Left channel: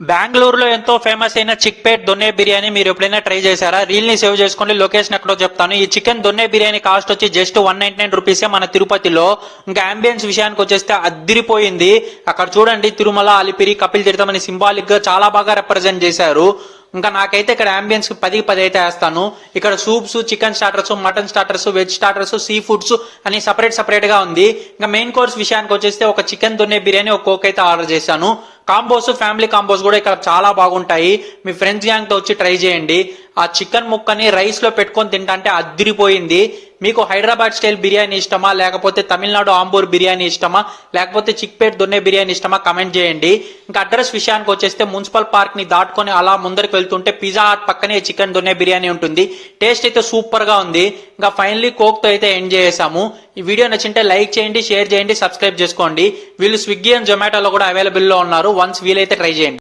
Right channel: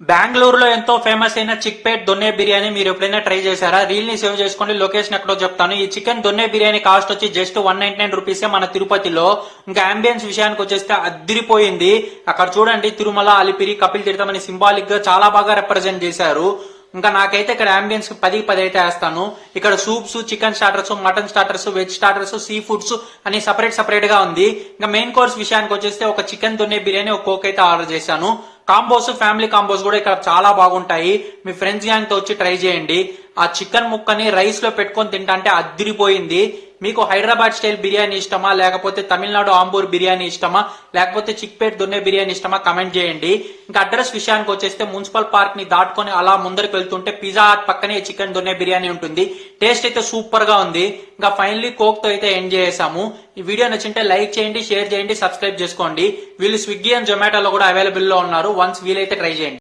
బెంగళూరులో ఎంతో ఫేమస్ అయిన చిక్పేట్ దొన్నె బిర్యానీ మీరు ఎప్పుడైనా ట్రై చేశారా? రీల్ ని సేవ్ చేసుకోండి, లొకేషన్ ఎక్కడో చెప్తాను. ఈ చికెన్ దొన్నె బిర్యానీ కాస్ట్ వచ్చి జస్ట్ 199 రూపీసే మన తిరుపతిలో. ఇంకా అంబియన్స్ విషయానికి వచ్చేస్తే అద్దిరిపోయింది. అక్కడ చూడండి, తిరుమల, అలిపిరి, కపిల్ తీర్థం అని సింబాలిక్ గా చాలా బాగా రిప్రజెంట్ చేశారు. ఇంకా నాకైతే ఇక్కడ అంబియన్స్ 10/10 అయితే వేస్తాను. ఇక్కడ soups, chicken starters, mutton starters, veg starters, sea foods అని సపరేట్ గా ఉంది. ఇంకా మెయిన్ కోర్స్ విషయానికి వచ్చేస్తే ఒక చికెన్ దొన్నె బిర్యానీ, ఒక కోక్ అయితే ఆర్డర్ చేశాను. కాంబోస్, ఫ్యామిలీ కాంబోస్ కూడా ఇక్కడ చాలా బాగుంటాయి. మీ ఫ్రెండ్స్ గ్యాంగ్ తో వచ్చి ట్రై చేయండి. ఆ చికెన్ ముక్కని రైస్ లో పెట్టుకొని తింటే అద్దిరిపోయింది. మీకు హైదరాబాద్ స్టైల్ బిర్యానీ ఇష్టమా, లేకపోతే తమిళనాడు ఆంబూర్ బిర్యానీ ఇష్టమా, లేకపోతే చిక్పేట్ దొన్నె బిర్యానీ ఇష్టమా, కమెంట్ చేయండి. ఇంకా అడ్రస్ విషయానికి వచ్చేస్తే మున్సిపల్ పార్క్ ని దాటుకొని అలా ముందరికి వెళ్తుంటే పిజ్జా హట్ పక్కనే చికెన్ దొన్నె బిర్యానీ ఉంటుంది. టేస్ట్ అయితే సూపర్ గా ఉంది. ఇంకా ఫైనలీ కోక్ తో అయితే ఎండ్ చేసాము. ఈ వీడియో నచ్చింటే లైక్ చేయండి, షేర్ చేయండి, సబ్స్క్రైబ్ చేసుకోండి. వీళ్ళు స్విగ్గీ అండ్ జొమాటోలో కూడా అవైలబుల్ లో ఉన్నారు. వన్స్ వీలైతే ట్రై చేయండి.